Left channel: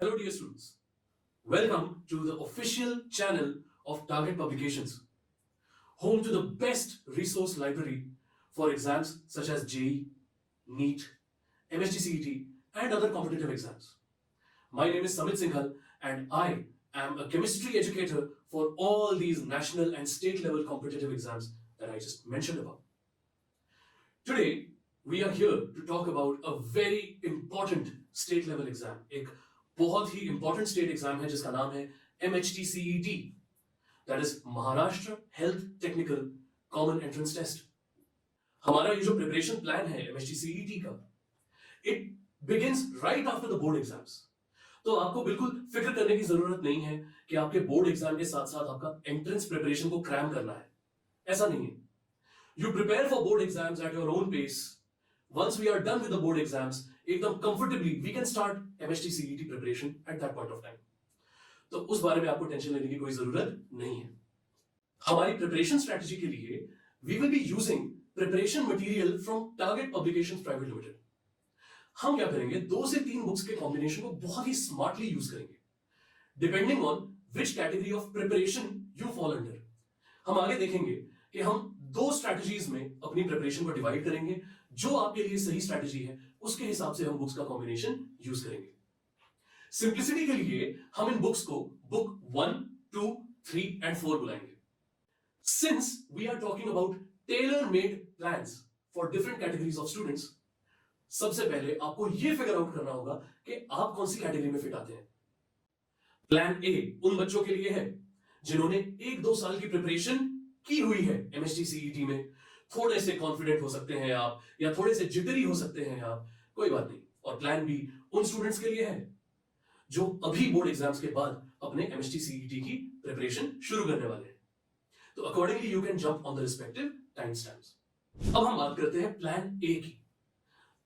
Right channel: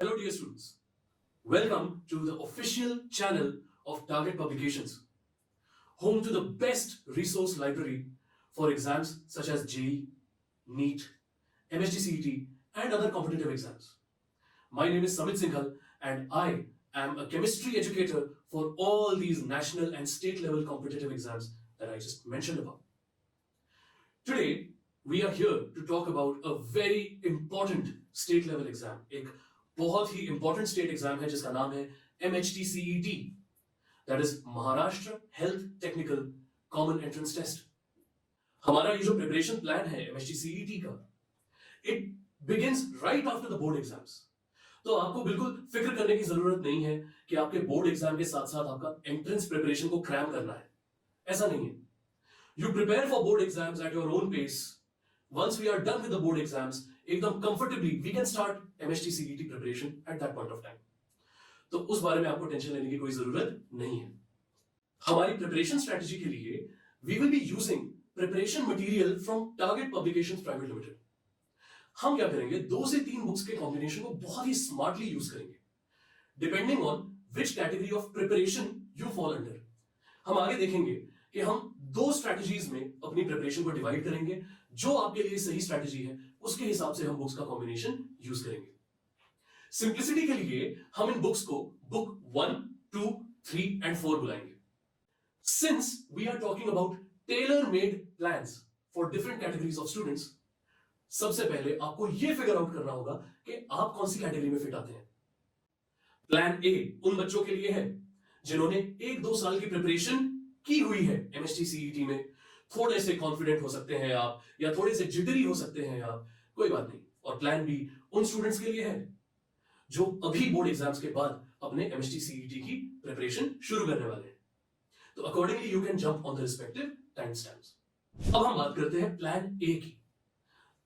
Hello, dear students. Welcome to the official channel of Target Publications, home to the best resource library for exams such as JEE, NEET, MSTCET, and other competitive exams. My name is Samit Singhal, and I am a chemistry educator for all these national and state level competitive exams that I just mentioned about. Today, we are here to talk about a very important state level exam. एक बहुत ही important state exam है जिसका नाम है MHTCET, that is Maharashtra health technical common entrance test. हमारा ये जो preparation plan है MHTCET का, it begins right after the board exams. तो आपको बिल्कुल फिक्र करने की जरूरत नहीं है कि आपके बोर्ड एग्जाम के साथ साथ आपका एंट्रेंस प्रिपरेशन को क्रैम करना है. ऐसा नहीं है. You prepare for board exams at your own pace. Once we are done with the board exams, एकदम comfortably we can start MHTCET preparation at that point of time. तो उस बारे में आपको टेंशन लेने की कोई जरूरत नहीं है. हमारी प्रिपरेशन स्ट्रेटजी के लिए we will be using preparation material from Target Publications Private Limited. हम क्या करेंगे, 2 से 3 बुक्स के कॉम्बिनेशन को बहुत ही स्मार्टली यूज करेंगे, depending on which category of preparation you fall under. हम आगे देखेंगे कि हम 2 स्ट्रैटेजीज में अपनी प्रिपरेशन को डिवाइड करेंगे. जो आपके लिए सही स्ट्रैटेजी है उसके हिसाब से हम बुक्स का कॉम्बिनेशन यूज करेंगे. सिंप्लिसिटी के लिए हम इन बुक्स को बुक 1, 2, 3 एंड 4 बुलाएंगे. Since we are talking about tailor made plans for different categories of students, सबसे पहले आपको यह फिगर आउट करना होगा कि आप कौन सी कैटेगरी में फिट आते हैं. प्लान ए उन बच्चों के लिए है जिन्होंने 1-2 साल की प्रिपरेशन की हुई है MHTCET में. थोड़े से कॉन्फिडेंट हो सकते हैं आप, या थोड़े से जिटरी हो सकते हैं आप, कोई बात नहीं. और प्लान बी उन स्टूडेंट्स के लिए है जो अभी बोर्ड एग्जाम्स के बाद अपने MHTCET की प्रिपरेशन शुरू करने वाले हैं. तो accordingly you can jump on the respective time stamps. अब हम बात करते हैं प्लान ए की.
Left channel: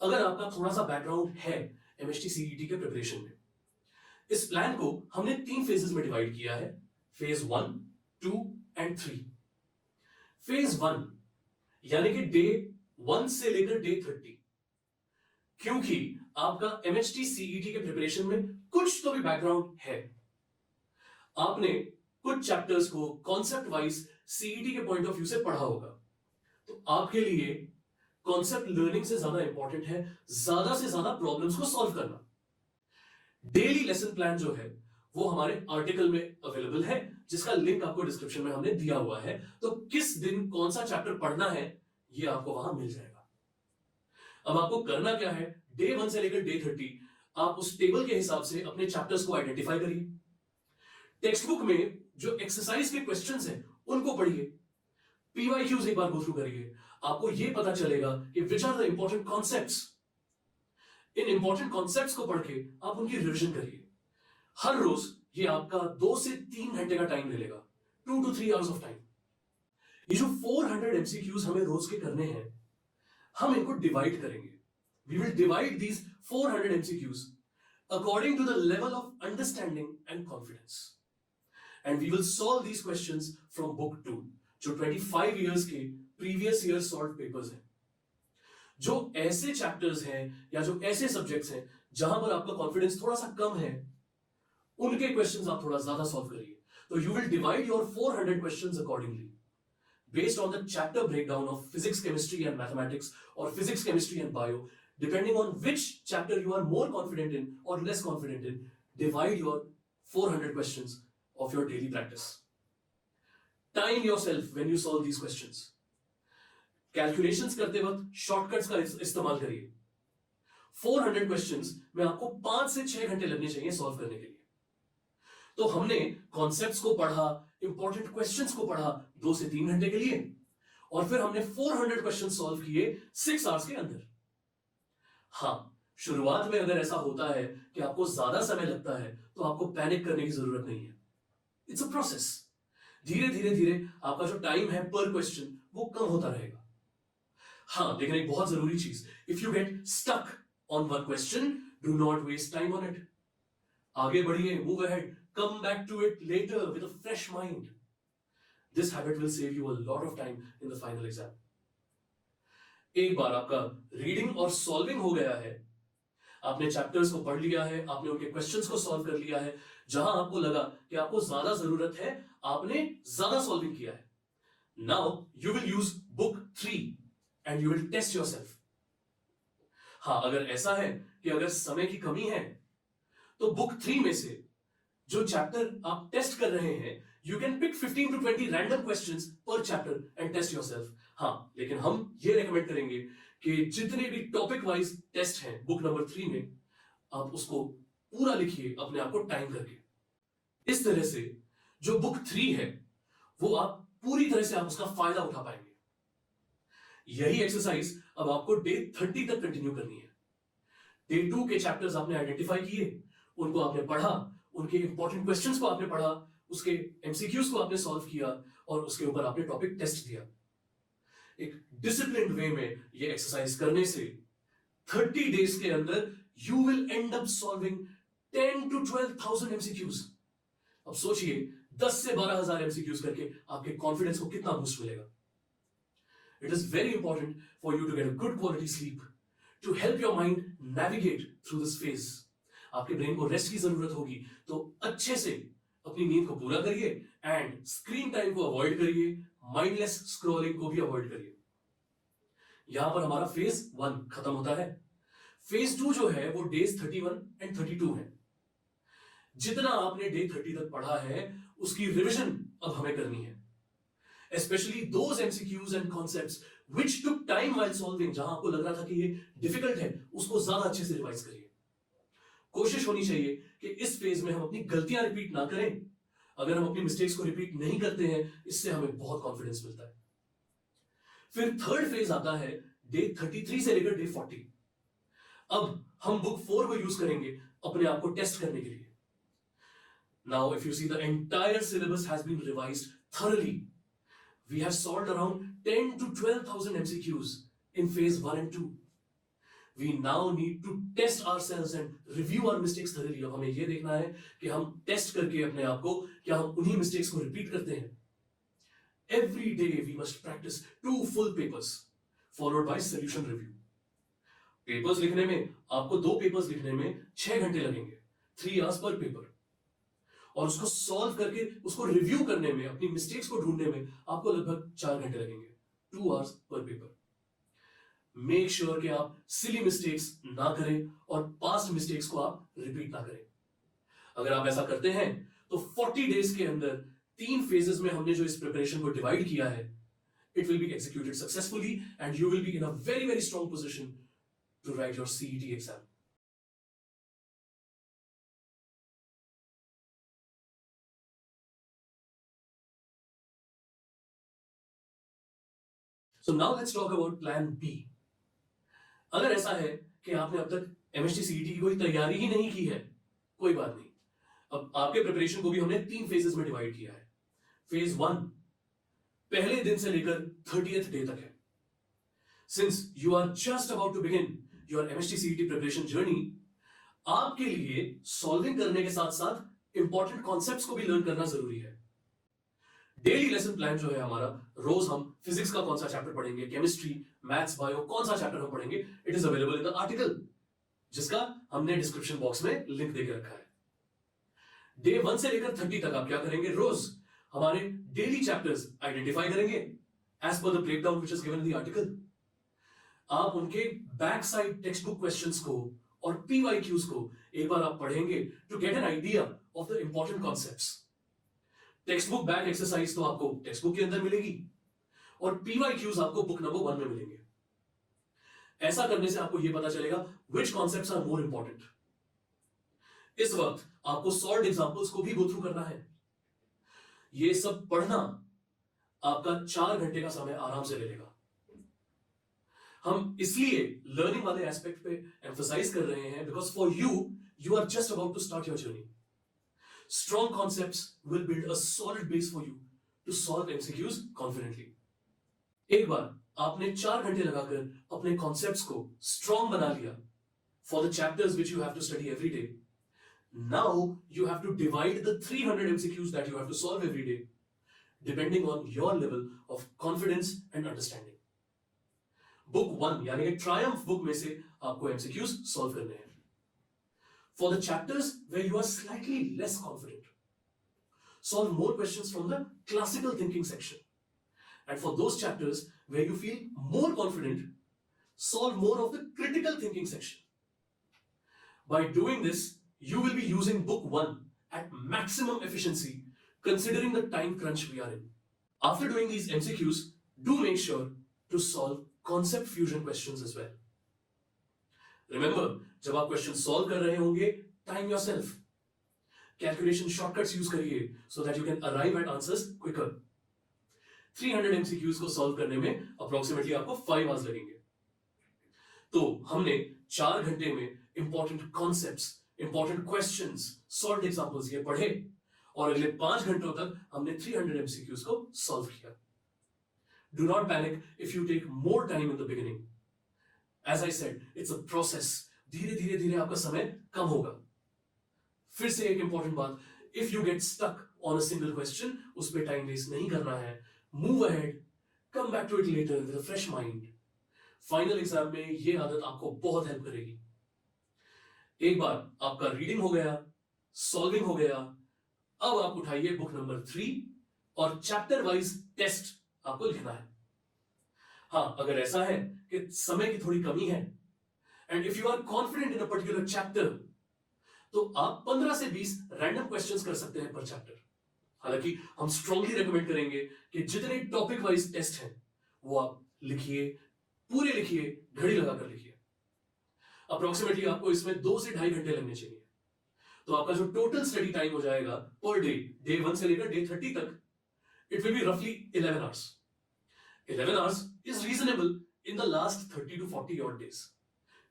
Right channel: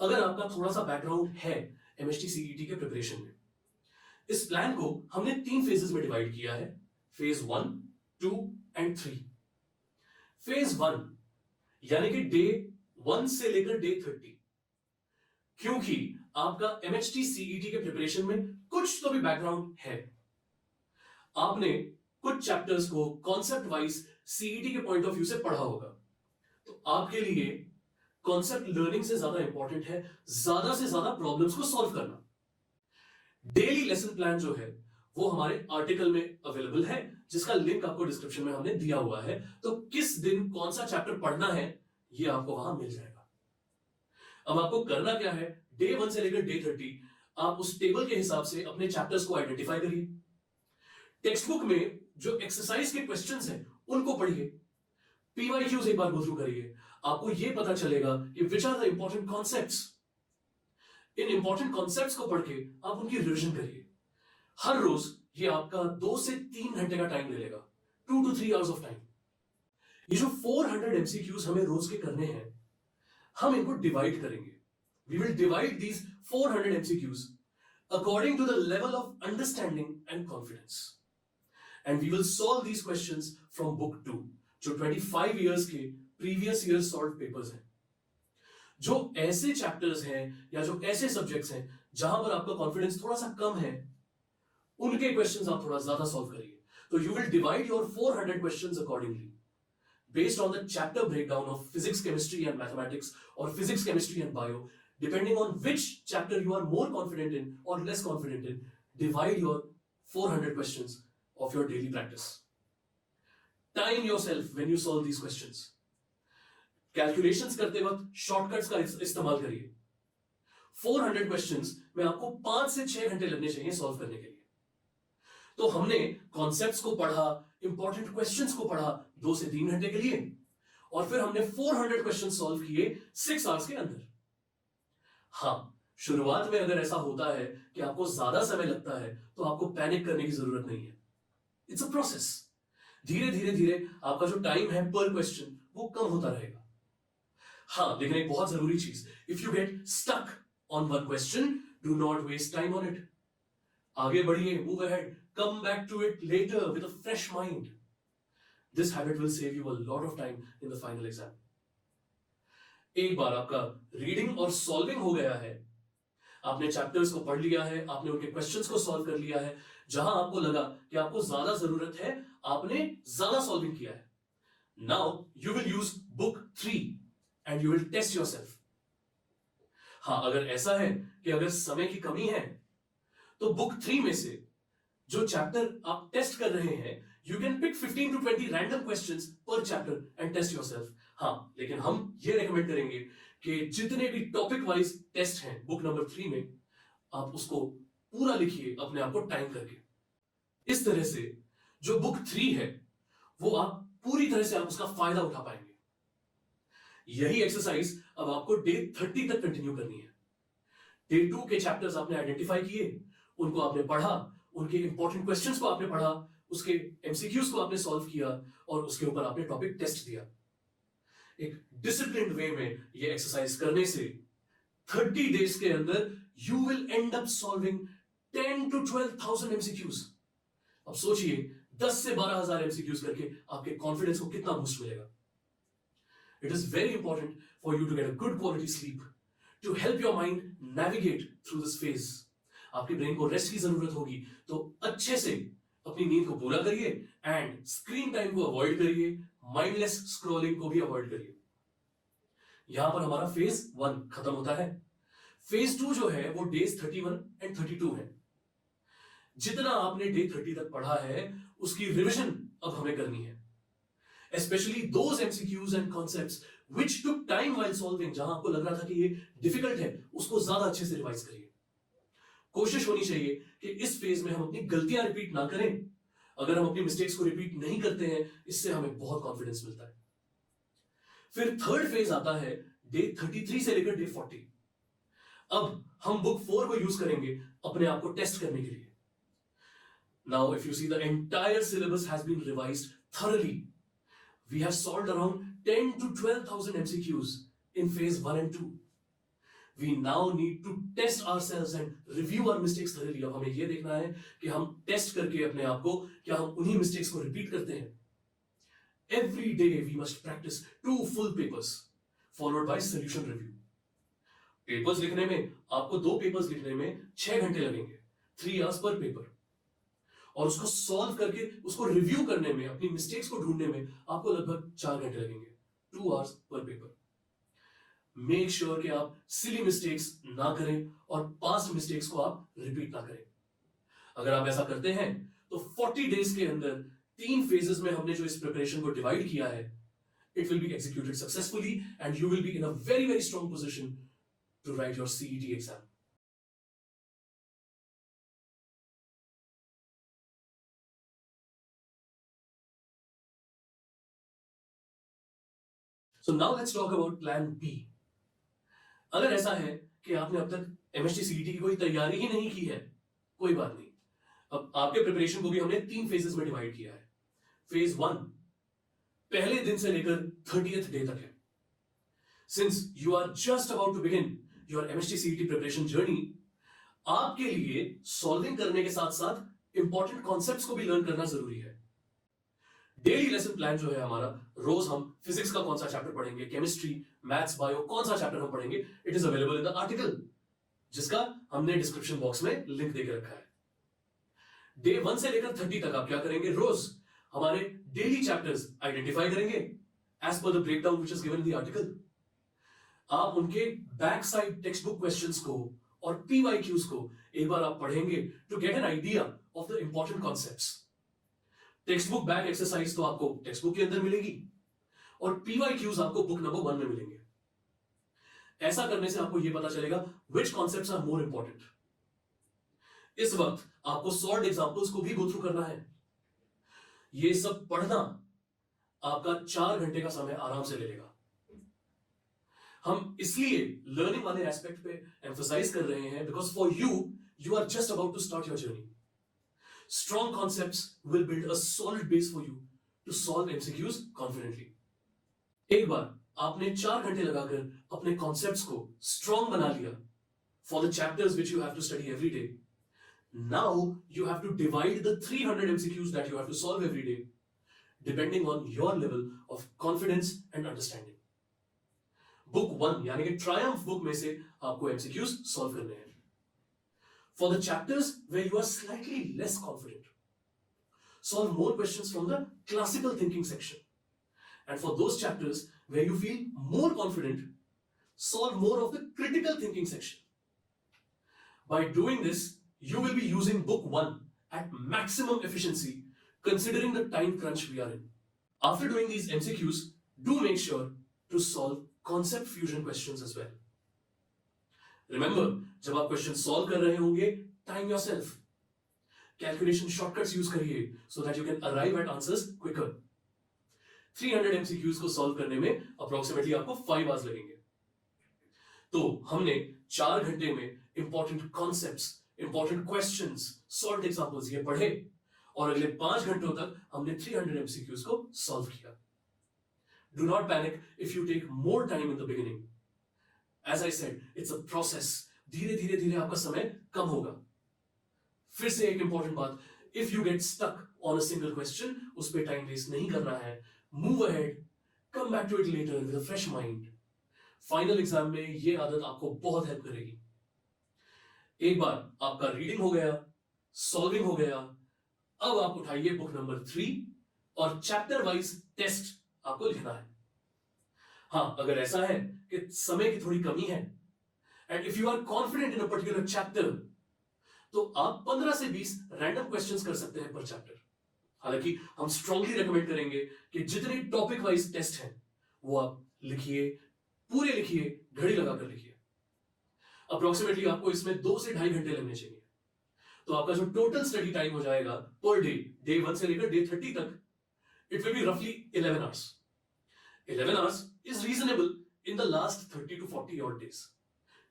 अगर आपका थोड़ा सा बैकग्राउंड है MHTCET के प्रिपरेशन में, इस प्लान को हमने 3 फेजेस में डिवाइड किया है. Phase 1, 2 and 3. फेज 1 यानी कि डे 1 से लेकर डे 30, क्योंकि आपका MHTCET के प्रिपरेशन में कुछ तो भी बैकग्राउंड है. आपने कुछ चैप्टर्स को कॉन्सेप्ट वाइज सीईटी के पॉइंट ऑफ व्यू से पढ़ा होगा. तो आपके लिए कॉन्सेप्ट लर्निंग से ज्यादा इंपॉर्टेंट है ज्यादा से ज्यादा प्रॉब्लम्स को सॉल्व करना. डेली लेसन प्लान जो है वो हमारे आर्टिकल में अवेलेबल है, जिसका लिंक आपको डिस्क्रिप्शन में हमने दिया हुआ है. तो किस दिन कौन सा चैप्टर पढ़ना है ये आपको वहां मिल जाएगा. अब आपको करना क्या है, डे 1 से लेकर डे 30 आप उस टेबल के हिसाब से अपने चैप्टर्स को आइडेंटिफाई करिए. टेक्स्ट बुक में जो एक्सरसाइज के क्वेश्चंस हैं उनको पढ़िए. पीवाईक्यूज एक बार गो थ्रू करिए. आपको यह पता चलेगा कि which are the important concepts. इन इंपॉर्टेंट कॉन्सेप्ट्स को पढ़ के आप उनकी रिविजन करिए. हर रोज ये आपका 2 से 3 घंटे का टाइम ले लेगा, 2 to 3 आवर्स ऑफ टाइम. ये जो 400 MCQs हमें रोज के करने हैं, हम इनको डिवाइड करेंगे. We will divide these 400 MCQs according to the level of understanding and confidence. And we will solve these questions from book 2, जो 25 इयर्स के प्रीवियस ईयर सॉल्व पेपर्स हैं. जो ऐसे चैप्टर्स हैं या जो ऐसे सब्जेक्ट्स हैं जहां पर आपका कॉन्फिडेंस थोड़ा सा कम है, उनके क्वेश्चंस आप थोड़ा ज्यादा सॉल्व करिए. तो you will divide your 400 questions accordingly based on the chapter breakdown of physics, chemistry and mathematics, or physics, chemistry and bio, depending on which chapter you are more confident in or less confident in. Divide your 400 questions of your daily practice. Time yourself when you solve these questions. Calculations करते वक्त shortcuts का इस्तेमाल करिए. 400 questions में आपको 5 से 6 घंटे लगने चाहिए सॉल्व करने के लिए. तो हमने कॉन्सेप्ट्स को पढ़ा, इंपॉर्टेंट क्वेश्चंस को पढ़ा 2 से 3 घंटे के लिए, और फिर हमने 400 क्वेश्चन सॉल्व किए 6 आवर्स के अंदर. हां, शुरुआत में अगर ऐसा होता है कि आपको ज्यादा समय लगता है तो आपको पैनिक करने की जरूरत नहीं है. It's a process. धीरे धीरे धीरे आपका जो टाइम है पर क्वेश्चन वो कम होता रहेगा. हां, लेकिन एक बहुत जरूरी चीज, if you get stuck on one question, do not waste time on it. आगे बढ़िए, move ahead, come back to it later with a fresh mind. This habit will save you a lot of time in the final exam. एक बार आपका reading और solving हो गया है, आपने chapters को पढ़ लिया है, आपने उनके क्वेश्चंस को सॉल्व कर लिया है, जहां आपको लगा कि आपको ज्यादा जरूरत है, आपने ज्यादा सॉल्विंग किया है. Now you will use book 3 and you will test yourself. हाँ, अगर ऐसा है कि अगर समय की कमी है तो बुक 3 में से जो चैप्टर आप टेस्ट कर रहे हैं, you can pick 15 to 20 random questions per chapter and test yourself. हाँ, लेकिन हम ये रेकमेंड करेंगे कि जितने भी टॉपिक वाइज टेस्ट हैं बुक नंबर 3 में, आप उसको पूरा लिखिए अपने आप को टाइम करके. इस तरह से जो बुक 3 है वो आप पूरी तरह से आप उसका फायदा उठा पाएंगे. यही एक्सरसाइज अब आपको डे 30 तक कंटिन्यू करनी है. डे 2 के चैप्टर्स आपने आइडेंटिफाई किए, उनको आपने पढ़ा, उनके इंपॉर्टेंट क्वेश्चंस को आपने पढ़ा, उसके एमसीक्यूज को आपने सॉल्व किया और उसके ऊपर आपने टॉपिक टेस्ट दिया. एक डिसिप्लिन्ड वे में ये एक्सरसाइज करने से 30 डेज के अंदर you will and up solving 10 to 12,000 MCQs. अब सोचिए 10 से 12,000 एमसीक्यूज करके आपके कॉन्फिडेंस को कितना बूस्ट मिलेगा. It is very important for you to get a good quality sleep to help your mind navigate through this phase. आपके ब्रेन को रेस्ट की जरूरत होगी, तो अच्छे से अपनी नींद को पूरा करिए एंड स्क्रीन टाइम को अवॉइड करिए, माइंडलेस स्क्रॉलिंग को भी अवॉइड करिए. यहां पर हमारा फेज 1 खत्म होता है. फेज 2 जो है वो डेज 31 एंड 32 है. जितना आपने डे 30 तक पढ़ा है उसकी रिविजन अब हमें करनी है. Especially those MCQs and concepts which took time while solving, जहां आपको लग रहा था कि ये डिफिकल्ट है, उसको ज्यादा अच्छे से रिवाइज करिए. कोशिश होनी चाहिए कि इस फेज में हम अपनी गलतियां रिपीट ना करें. अगर हम अपनी मिस्टेक्स को रिपीट नहीं करते हैं, इससे हमें बहुत कॉन्फिडेंस मिलता है. फिर थर्ड फेज आता है डे 33 से लेकर डे 40. अब हम बुक 4 को यूज करेंगे अपने आप को टेस्ट करने के लिए. Now if you see, the entire syllabus has been revised thoroughly. We have solved around 10 to 12,000 MCQs in phase 1 and 2. We now need to test ourselves and review our mistakes thoroughly. अब हमें ये देखना है कि हम test करके अपने आप को क्या हम उन्हीं मिस्टेक्स को रिपीट करते हैं. Every day we must practice 2 full papers followed by solution review. Papers लिखने में आपको 2 पेपर्स लिखने में 6 घंटे लगेंगे, 3 hours per paper. और उसको सॉल्व करके उसको रिव्यू करने में, अपनी मिस्टेक्स को ढूंढने में आपको लगभग 4 घंटे लगेंगे, 2 hours पर पेपर. मेक श्योर कि आप सिली मिस्टेक्स ना करें और पास्ट मिस्टेक्स को आप रिपीट ना करें. अगर आप ऐसा करते हैं तो 40 डेज के अंदर 3 फेजेस में हमने जो इस प्रिपरेशन को डिवाइड किया है, it will be executed successfully and you will be in a very very strong position to write your CET exam. So now let's talk about plan B. अगर ऐसा है कि आपने अब तक MHT CET की कोई तैयारी ही नहीं की है, कोई बात नहीं. अब आपके प्रिपरेशन को भी हमने 3 फेजेस में डिवाइड किया है. फेज 1 पहले दिन से लेकर 30th डे तक है. Since you are just about to begin your MHT CET preparation journey, आपके लिए सॉल्विंग करने के साथ साथ इंपॉर्टेंट कॉन्सेप्ट्स को भी लर्न करना जरूरी है. डेली लेसन प्लान जो है हमारा, रोज हम फिजिक्स का कौन सा चैप्टर पढ़ेंगे, केमिस्ट्री, मैथ्स, बायो, कौन सा चैप्टर हम पढ़ेंगे, it is available in the article, जिसका हमने डिस्क्रिप्शन बॉक्स में लिंक देके रखा है. डे 1 से लेकर 30 तक आप क्या करेंगे, रोज हमारे डेली चैप्टर्स आइडेंटिफाई करेंगे as per the breakdown which is given in the article. आप उनके back side text book questions को और PYQs को एक बार आप पढ़ेंगे to get an idea of the important concepts. Text book back exercise तो आपको टेक्स्ट बुक के अंदर मिलेगी और PYQs आपको बुक नंबर 1 में मिलेंगे. ऐसा करने से आपको यह पता चलेगा which concepts are more important. इस वक्त आपको सॉल्व्ड एग्जांपल्स को भी गो थ्रू करना है. ये सब पढ़ना आपका 4 घंटे का समय आराम से ले लेगा. हम इसलिए लर्निंग वाले एस्पेक्ट पे एम्फसाइज कर रहे हैं because for you are just about to start your journey. Strong concepts will build a solid base for you to solve MCQs confidently. एक बार आपने 4 घंटे लगाकर अपने कॉन्सेप्ट्स को स्ट्रॉन्ग बना लिया for the chapters which you have to study every day. Now you have to divide the 300 MCQs that you have to solve every day depending on your level of confidence and understanding. Book 1 यानी कि Triumph book में से आपको MCQs solve करने हैं. For the chapters where you are slightly less confident, solve more questions from the classical thinking section. And for those chapters where you feel more confident, solve more of the critical thinking section. By doing this, you will be using book 1 at maximum efficiency considering the time crunch we are in. After doing these MCQs, do make sure to solve concept fusion questions as well. Remember, जब आप question solve कर रहे होंगे, time yourself. Calculation shortcuts use करिए so that you can arrive at answers quicker. 300 MCQs को solve करने में approximately आपको 5 आवर्स लगेंगे. तो हमने 4 घंटे में important concepts, important questions, solve examples ये पढ़े और अगले 5 घंटों तक हमने 300 MCQs को सॉल्व किया. Do not panic if you take more time in the beginning. As I said, it's a process. धीरे धीरे धीरे आपका समय कम होगा. फिर से एक इंपॉर्टेंट बात, if you get stuck on a single question, उस पे टाइम वेस्ट नहीं करना है. Move ahead, come back to it later with a fresh mind. Final exam में ये आदत आपको बहुत हेल्प करेगी. एक बार आपका रीडिंग हो गया, सॉल्विंग हो गया, अब आप उठाइए बुक नंबर 3 और चैप्टर वाइज टेस्ट आपको लिखना है. हाँ, अगर ऐसा है कि समय की थोड़ी कमी है and if you are confident in a particular chapter, तो आप 15 से 20 रैंडम क्वेश्चंस कर सकते हैं पर चैप्टर. हालांकि हम स्ट्रांगली रेकमेंड करेंगे कि जितने टॉपिक वाइज टेस्ट हैं वो आप लिखिए, पूरे लिखिए, घड़ी लगाकर लिखिए. अप्रोक्सीमेटली आपको इसमें 2 से 2.5 घंटे लगने चाहिए. तो आपका जो टोटल स्टडी टाइम हो जाएगा पर डे 1 से लेकर डे 30 तक, इट विल बी रफली 11 hours. 11 hours is reasonable in the last 30 to 40 odd days.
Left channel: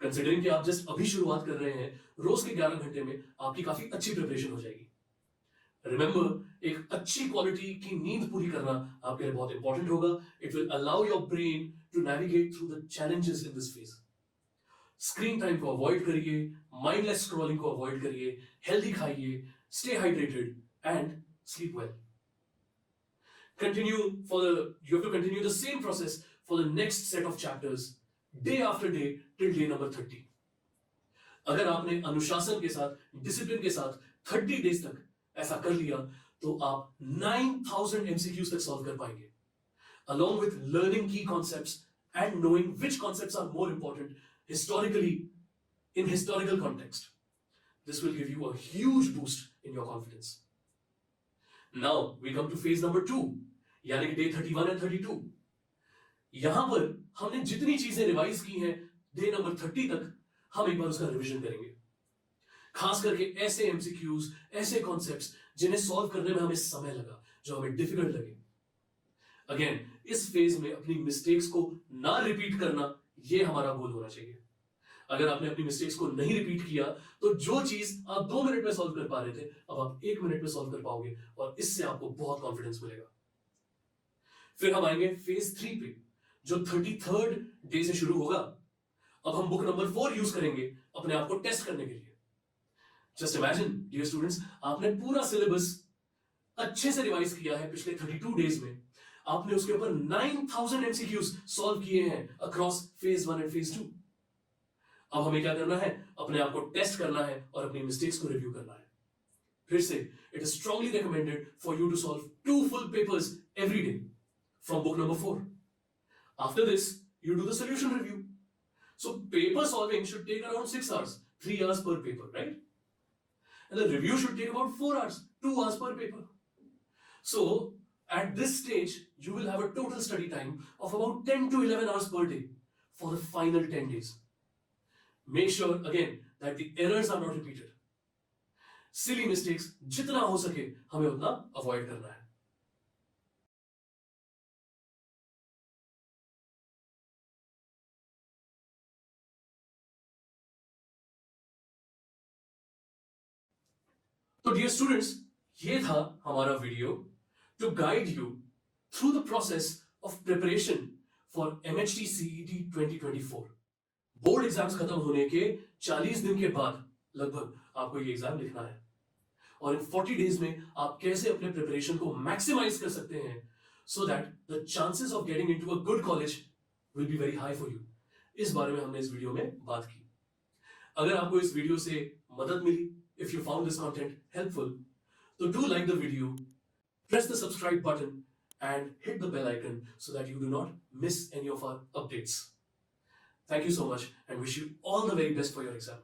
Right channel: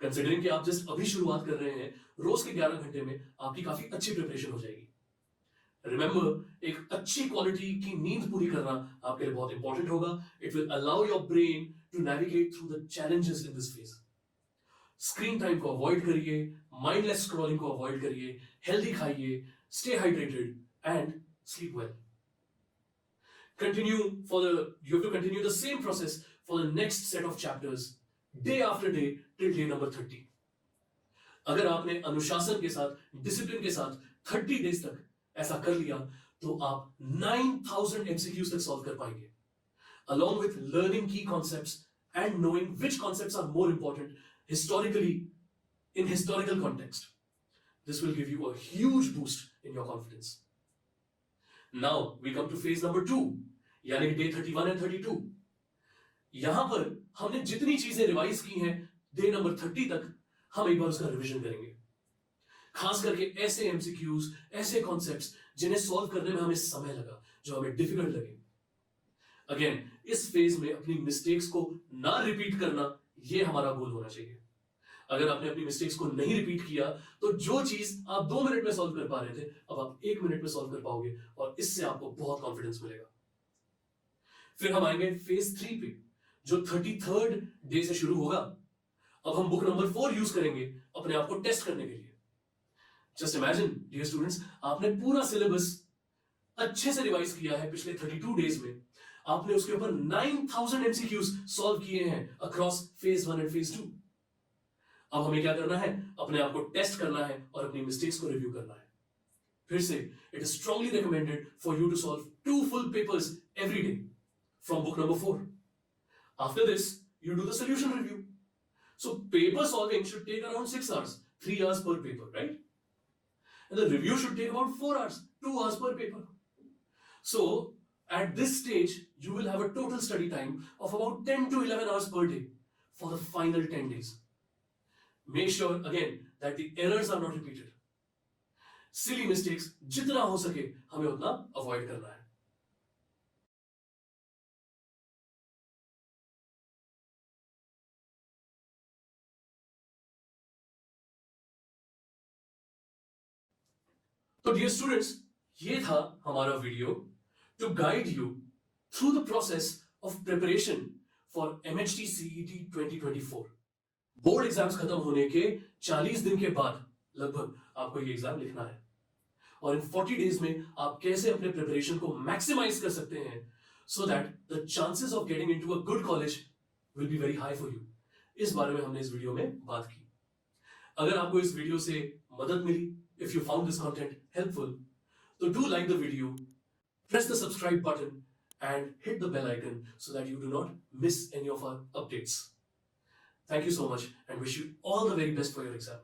Considering कि आप जस्ट अभी शुरुआत कर रहे हैं, रोज के 11 घंटे में आपकी काफी अच्छी प्रिपरेशन हो जाएगी. Remember, एक अच्छी क्वालिटी की नींद पूरी करना आपके लिए बहुत इंपॉर्टेंट होगा. It will allow your brain to navigate through the challenges in this phase. Screen time को अवॉइड करिए, माइंडलेस स्क्रॉलिंग को अवॉइड करिए, हेल्दी खाइए, stay hydrated and sleep well. You have to continue the same process for the next set of chapters, day after day till day number 30. अगर आपने अनुशासन के साथ, डिसिप्लिन के साथ 30 डेज तक ऐसा कर लिया, तो आप 9000 MCQs तक सॉल्व कर पाएंगे, along with learning key concepts and knowing which concepts are more important historically in historical context. This will give you a huge boost in your confidence. Now we come to phase number 2, यानी कि day 31 and 32. यहां पर हमने जितनी चीजें revise की हैं day number 30 तक, हम एक बार उसका रिवीजन करेंगे. खास करके ऐसे एमसीक्यूज, ऐसे कॉन्सेप्ट्स जिन्हें सॉल्व करने में हमें समय लगा, जो हमें डिफिकल्ट लगे. अगेन, इस फेज में अपनी मिस्टेक्स को ना रिपीट करना, ये हमारा गोल होना चाहिए. अगर आपने अपनी मिस्टेक्स को नहीं रिपीट किया, तो जो चीज आप 2 मिनट में सॉल्व कर पा रहे थे, अब आप 1 मिनट में सॉल्व कर पाओगे और इससे आपको बहुत कॉन्फिडेंस मिलेगा. फिर हम आएंगे फेज 3 पे, जो 33rd डे से शुरू होगा. अब हम बुक नंबर 4 यूज करेंगे अपने आप को टेस्ट करने के लिए. जस्ट इमेजिन डियर स्टूडेंट्स, आपने पूरा सिलेबस अच्छे से रिवाइज किया है पिछले 32 डेज में. आपने उसके ऊपर 9000 MCQs सॉल्व किए हैं अक्रॉस फेज 1 एंड फेज 2. अब हमें क्या करना है? अपने आप को टेस्ट करना है और अपनी मिस्टेक्स को रिव्यू करना है. फिर से, it is strongly recommended for you to solve 2 full papers every day from book number 4. After this, you do the solution review. So paper solving should take around 6 hours, 3 hours per paper, right? And the review should take about 4 hours, 2 hours per paper. So at this stage, you will have a total study time of about 10 to 11 hours per day for the final 10 days. Make sure again that the errors are not repeated. Silly mistakes जितना हो सके हमें उतना avoid करना है. तो dear students, ये था हमारा video to guide you through the process of preparation for MHT CET 2024. Board exams खत्म होने के 40 दिन के बाद लगभग आपको ये एग्जाम लिखना है, और इन 40 डेज में आप कैसे अपने प्रिपरेशन को मैक्सिमाइज कर सकते हैं so that the chances of getting into a good college will be very high for you. इस बारे में हमने इस वीडियो में बात की. अगर आपको इस वीडियो से madad mili, if you found this content helpful, so do like the video, press the subscribe button, and hit the bell icon so that you do not miss any of our updates. Thank you so much and wish you all the very best for your exam.